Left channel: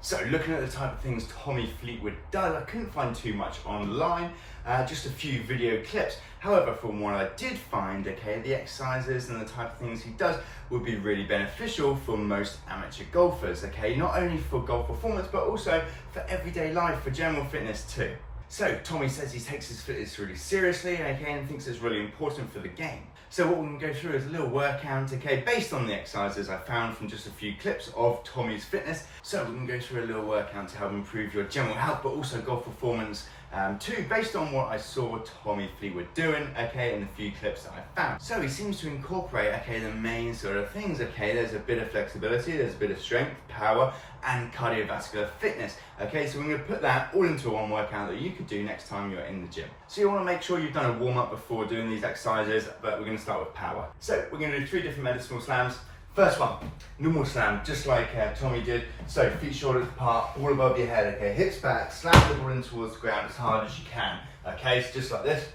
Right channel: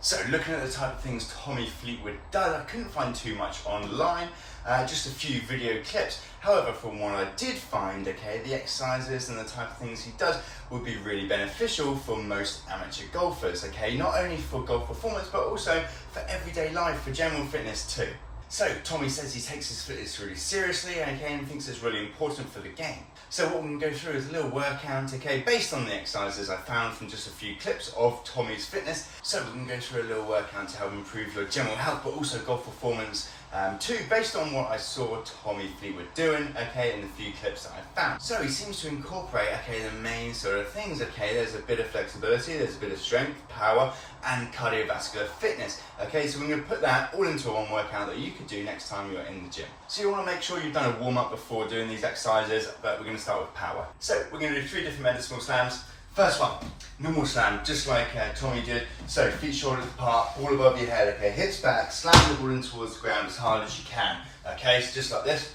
So looking at the type of things Tommy Fleetwood does, I couldn't find too much online, just a few video clips. However, from what I did find, okay, the exercises and the type of things he does would be really beneficial for most amateur golfers, okay? Not only for golf performance, but also for everyday life, for general fitness too. So Tommy says he takes his fitness really seriously, okay, and thinks it's really important for the game. So what we're going to go through is a little workout, okay, based on the exercises I found from just a few clips of Tommy's fitness. So we're going to go through a little workout to help improve your general health, but also golf performance too, based on what I saw Tommy Fleetwood doing, okay, in the few clips that I found. So he seems to incorporate, okay, the main sort of things, okay, there's a bit of flexibility, there's a bit of strength, power, and cardiovascular fitness, okay, so we're going to put that all into one workout that you could do next time you're in the gym. So you want to make sure you've done a warm-up before doing these exercises, but we're going to start with power. So we're going to do 3 different medicinal slams. First one, normal slam, just like Tommy did. So feet shoulder apart, all above your head, okay, hips back, slam the ball in towards the ground as hard as you can, okay, so just like this.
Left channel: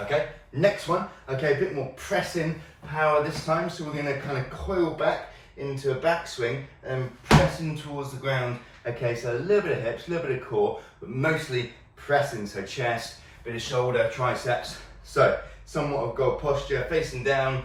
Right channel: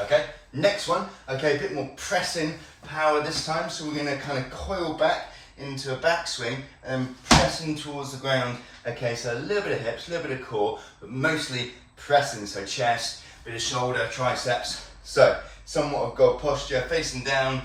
Okay, next one, okay, a bit more pressing power this time, so we're going to kind of coil back into a backswing and pressing towards the ground, okay, so a little bit of hips, a little bit of core, but mostly pressing, so chest, bit of shoulder, triceps, so somewhat of goal posture, facing down,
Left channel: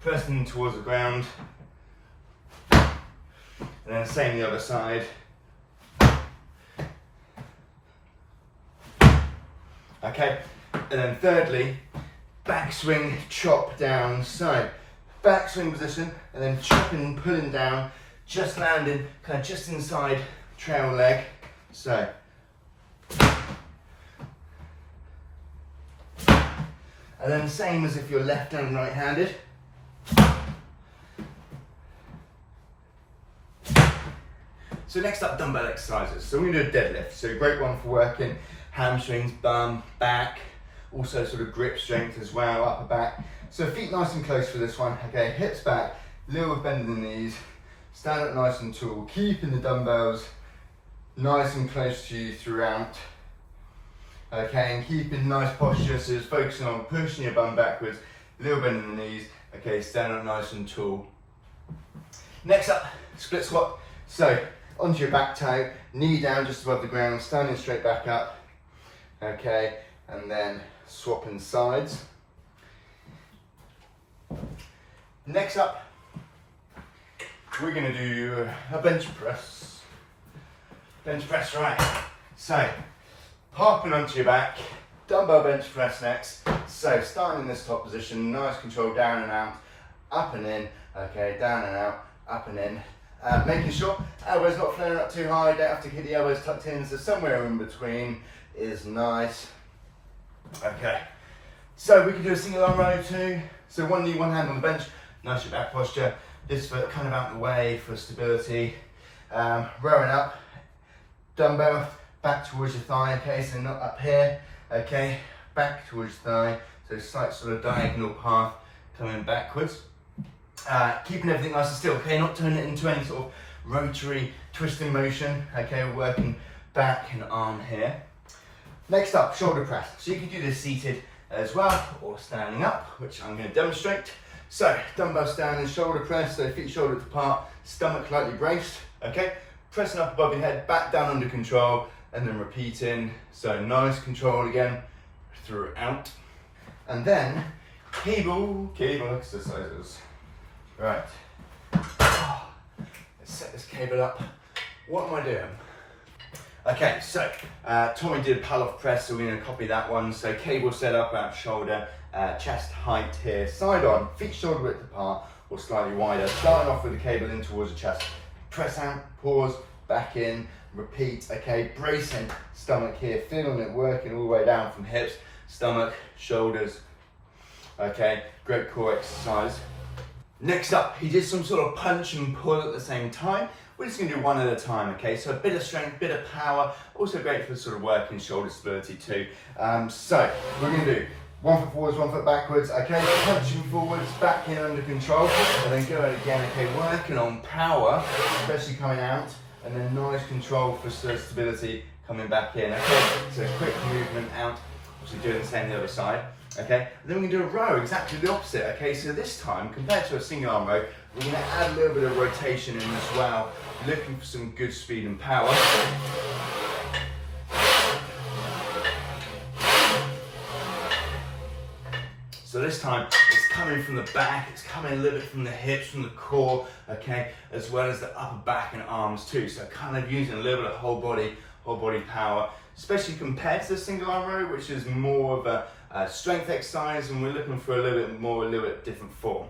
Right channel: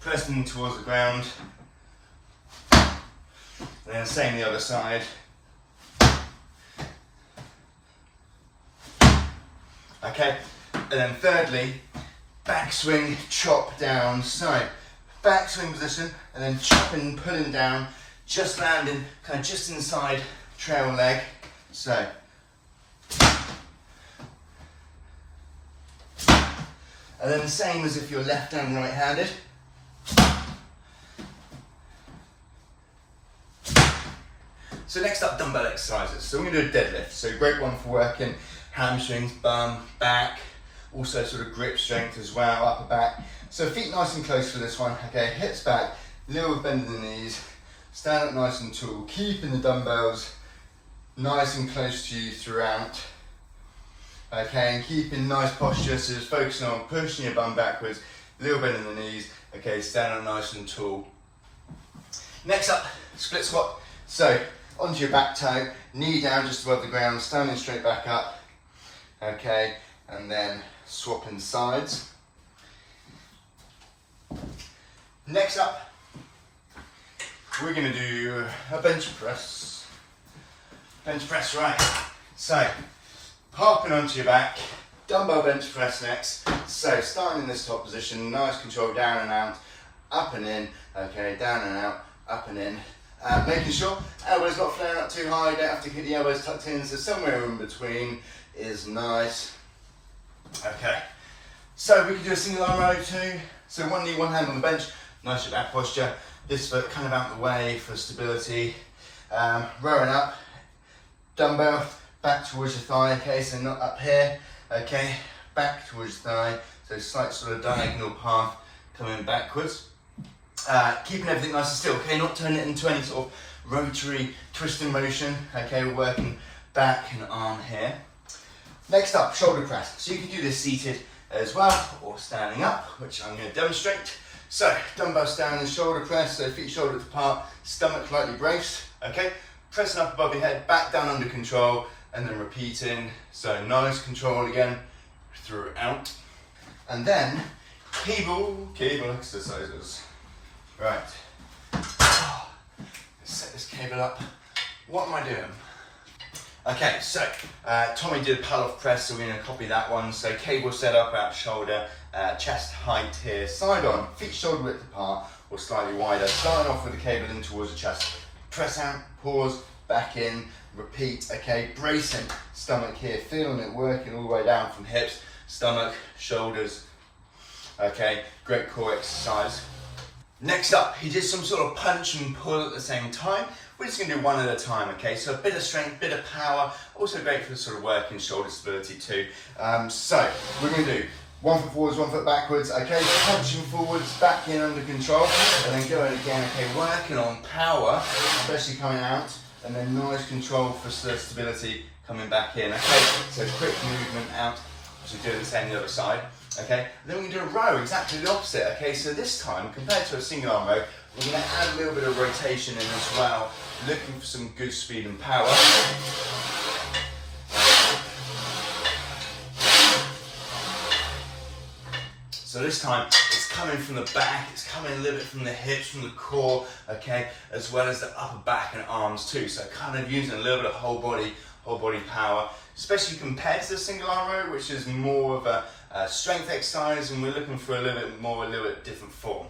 pressing towards the ground, and then same the other side. Okay, and then thirdly, backswing, chop down, so backswing position, and then chopping, pulling down, just landing, kind of just inside trail leg, so. And then same as if you're left and right-handed. So next up, dumbbell exercises. So we're going to do a deadlift. So a great one for working hamstrings, bum, back, also sort of grip strength as well, upper back. So feet nice and close for this one. Okay, hips back, little bend in the knees, stand up nice and tall, keeping the dumbbells nice and close to you throughout. Okay, and keeping nice posture, so just focusing on pushing your bum backwards, little bend in the knees, okay, stand up nice and tall. Next up, split squat. So, onto your back toe, knee down just above the ground, standing straight back up, okay, and then swapping sides. Next up, we're going to do a bench press. Bench press, right. So, hopping onto your back, dumbbell bench press next. So starting in this top position, nice control, down and out, up and in, okay, down and out, up and in. Making sure elbows not flaring up too high, don't have to keep the elbows tucked in, so somewhere in between is nice. Okay, so we can do a single arm row too. So one knee, one hand on the bench, nice back posture. This foot kind of out of the way for stability. Rowing up, dumbbell, back towards your thigh, okay, so not up here, okay, back towards your thigh, so slight sort of diagonal path coming backwards. Keeping everything nice and still, okay, not turning it into any sort of rotary twisting motion, okay, we're working back and arm here. Next up, shoulder press. So you can do this seated as well, or standing up, which I'm going to demonstrate. So, dumbbell standing shoulder press, so feet shoulder apart, stomach lightly braced, okay, pressing up above your head, back down under control, and then repeating, so nice control again throughout. And then cable exercises. Right, let's set this cable up. What am I doing? Okay, so Tommy did a pull-off press, so we're going to copy that one. So cable set up at shoulder, chest height here, side on, feet shoulder width apart or slightly wider. Starting off with the cable in towards the chest. Press out, pause, back in, repeat, okay, bracing stomach here, feeling it working all the way down from hips, stomach, shoulders, okay, great core exercise. Next up, he did some sort of punch and pull at the same time. We're just going to do one at a time, okay, so a bit of strength, bit of power, also great for sort of working shoulder stability too. So we're going to do 1 foot forwards, 1 foot backwards, okay, punching forwards, back in under control, and then go again, okay, working on power, especially coming out, and then nice control for stability coming back in, okay, so quick movement out, so doing the same the other side. Okay, and then we can do a row, exactly the opposite. Okay, so this time, compared to a single arm row, we're going to add a little bit of rotation in as well, looking for some good speed and power. So this time, it's coming from the back, it's coming a little bit from the hips, from the core, okay, as well as the upper back and arms too. So kind of using a little bit of whole body power, especially compared to the single arm row, which is more of a strength exercise, and we're looking for a little bit different form.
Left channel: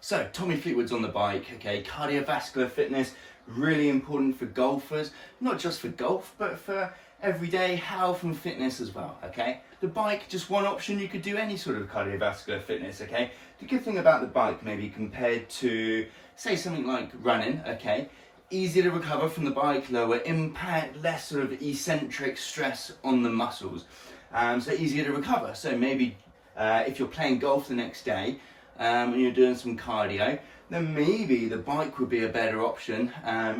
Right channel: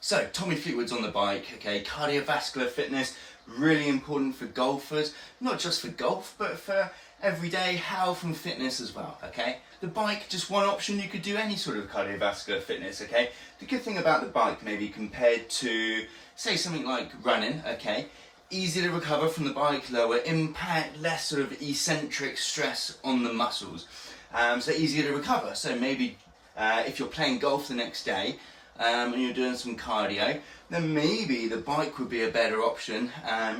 So Tommy Fleetwood's on the bike, okay, cardiovascular fitness, really important for golfers, not just for golf, but for everyday health and fitness as well, okay? The bike, just one option, you could do any sort of cardiovascular fitness, okay? The good thing about the bike, maybe compared to, say, something like running, okay? Easy to recover from the bike, lower impact, less sort of eccentric stress on the muscles. So easier to recover. So maybe if you're playing golf the next day and you're doing some cardio, then maybe the bike would be a better option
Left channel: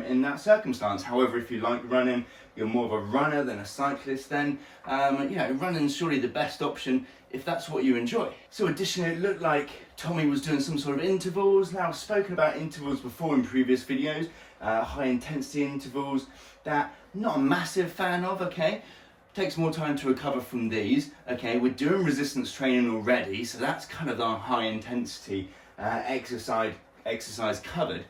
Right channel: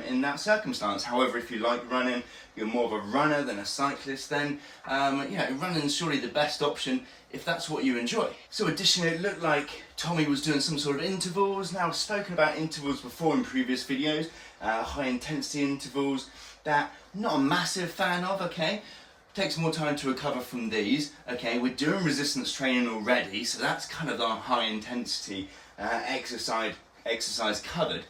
in that circumstance. However, if you like running, you're more of a runner than a cyclist, then running's surely the best option if that's what you enjoy. So additionally, it looked like Tommy was doing some sort of intervals. Now, I've spoken about intervals before in previous videos, high intensity intervals that I'm not a massive fan of, okay? Takes more time to recover from these, okay? We're doing resistance training already, so that's kind of our high intensity exercise covered.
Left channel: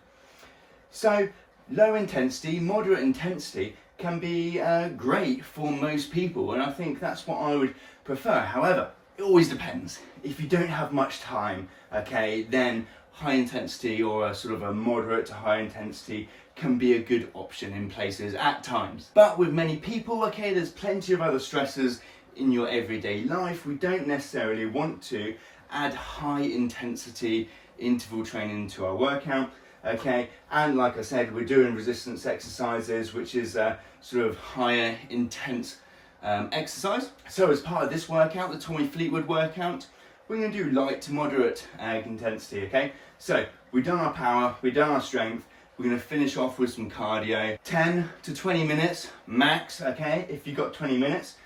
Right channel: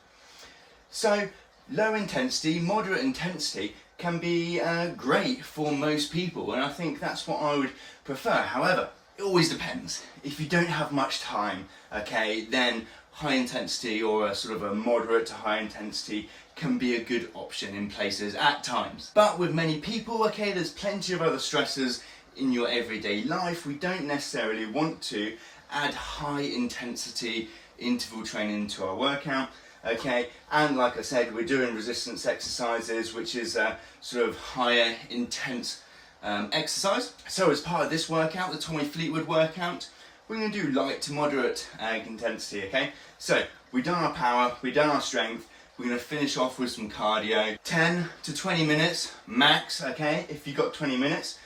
So low intensity, moderate intensity can be great for most people, and I think that's what I would prefer. However, it always depends. If you don't have much time, okay, then high intensity or a sort of a moderate to high intensity can be a good option in places at times. But with many people, okay, there's plenty of other stressors in your everyday life. We don't necessarily want to add high intensity interval training to our workout, okay? And like I said, we're doing resistance exercises, which is a sort of higher intense exercise. So as part of this workout, the Tommy Fleetwood workout, we're going to do light to moderate intensity, okay? So we've done our power, we've done our strength, we're going to finish off with some cardio. 10 to 20 minutes max, okay, if you've got 20 minutes.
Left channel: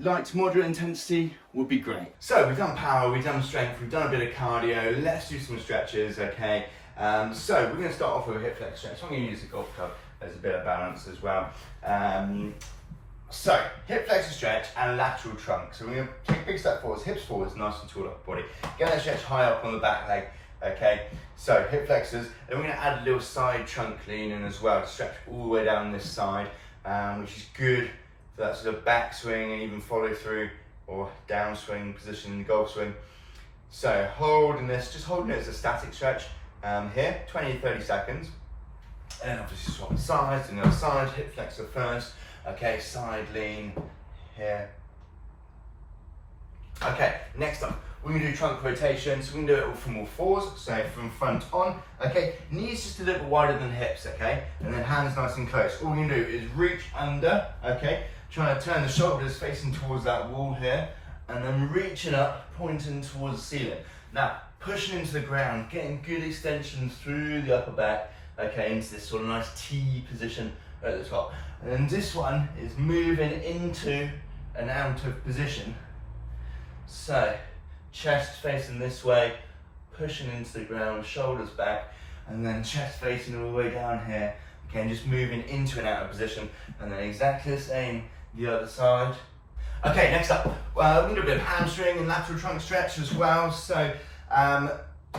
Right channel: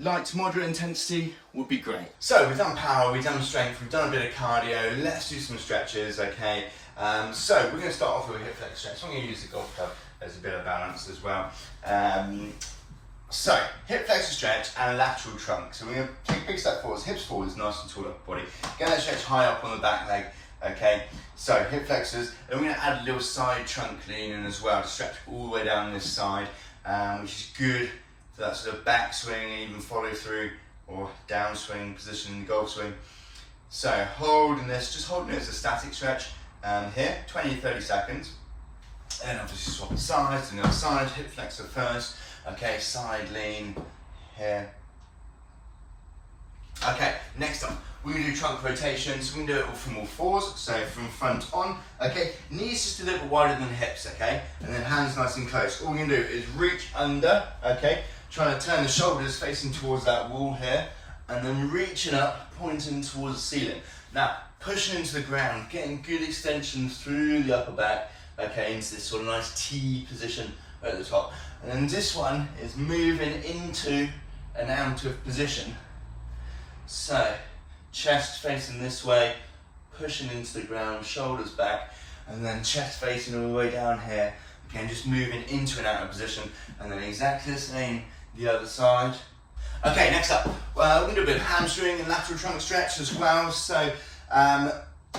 Light to moderate intensity would be great. So we've done power, we've done strength, we've done a bit of cardio. Let's do some stretches, okay? So we're going to start off with a hip flex stretch. I'm going to use the golf club as a bit of balance as well. So hip flexor stretch and lateral trunk. So we're going to take a big step forwards, hips forwards, nice and tall up body. Get that stretch high up on the back leg, okay? So hip flexors, and we're going to add a little side trunk lean in as well to stretch all the way down this side, which is good for that sort of back swing and even follow through or down swing position in the golf swing. So holding this, just holding it as a static stretch here, 20-30 seconds. And obviously swap the sides to the other side, hip flexor first. Okay, side lean here. Okay, next up, we're going to do trunk rotation. So we're going to do it from all fours, so from front on. Okay, knees just a little bit wider than hips, okay? And then hands nice and close. All we're going to do is reach under, okay? Trying to turn the shoulders facing towards that wall here. And then reaching up, pointing towards the ceiling. Now, pushing into the ground, getting good extension through the upper back, okay, into this sort of nice T position at the top. And then this one is moving into and out of position. So, chest facing this way, pushing into the ground, shoulders back, and then chest facing all the way down here. Okay, and just moving into and out of position, and then exactly the same the other side. Okay, next up, we're going to do a bit of hamstring and lateral trunk stretch as well. So,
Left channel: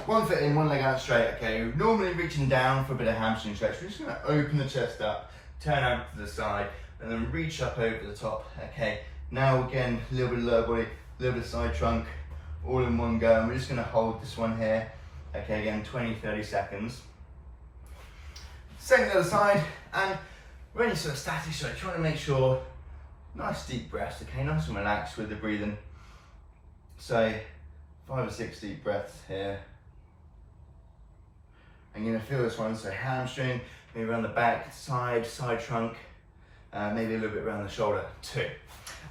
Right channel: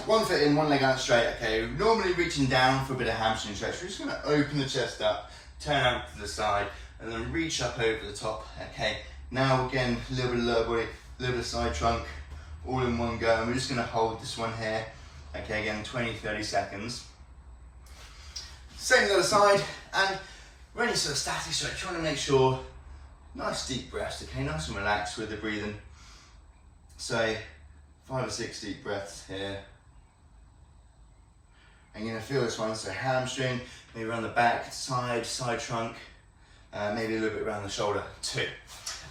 one foot in, one leg out straight, okay. We're normally reaching down for a bit of hamstring stretch. We're just going to open the chest up, turn out to the side, and then reach up over the top, okay. Now again, a little bit of lower body, a little bit of side trunk, all in one go. And we're just going to hold this one here, okay, again, 20-30 seconds. Same as the other side, and we're only sort of static stretch. You want to make sure, nice deep breaths, okay, nice and relaxed with the breathing. So, 5 or 6 deep breaths here. I'm going to feel this one, so hamstring, maybe around the back, side trunk, maybe a little bit around the shoulder too.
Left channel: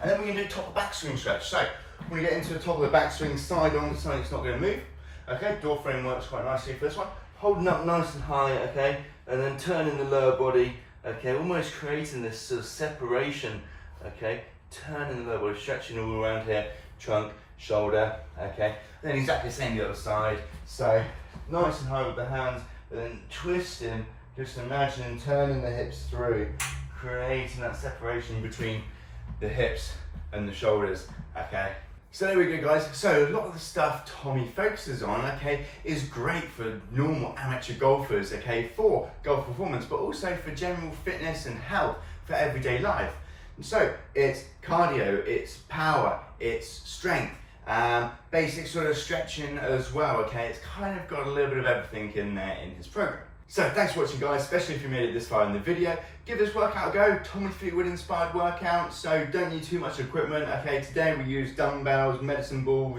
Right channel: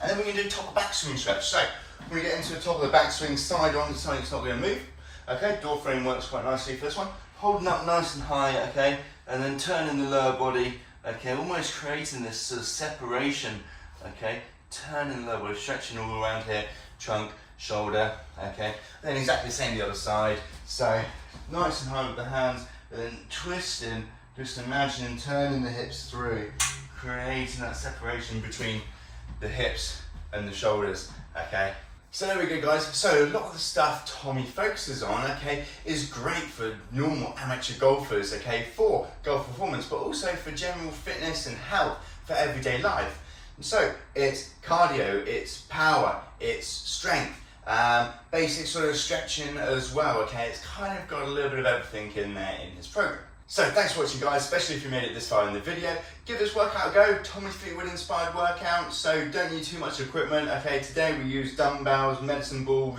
And then we're going to do top of back swing stretch. So we're going to get into the top of the back swing, side on, so it's not going to move. Okay, door frame works quite nicely for this one. Holding up nice and high, okay, and then turning the lower body, okay, almost creating this sort of separation, okay, turning the lower body, stretching all around here, trunk, shoulder, okay? Then exactly the same the other side. So nice and high with the hands, and then twisting, just imagine turning the hips through, creating that separation between the hips and the shoulders, okay? So there we go, guys. So a lot of the stuff Tommy focuses on, okay, is great for normal amateur golfers, okay, for golf performance, but also for general fitness and health for everyday life. So it's cardio, it's power, it's strength, basic sort of stretching as well, okay? It's kind of got a little bit of everything in there in his program. So thanks for watching, guys, especially if you made it this far in the video. Give this workout a go. Tommy Fleetwood inspired workout, so don't need too much equipment, okay? Today we use dumbbells, medicine ball,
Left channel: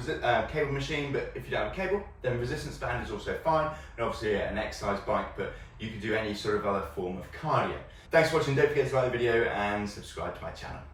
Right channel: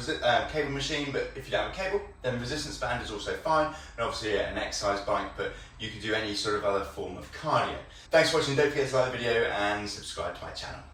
cable machine, but if you don't have a cable, then resistance band is also fine, and obviously an exercise bike, but you can do any sort of other form of cardio. Thanks for watching. Don't forget to like the video and subscribe to my channel.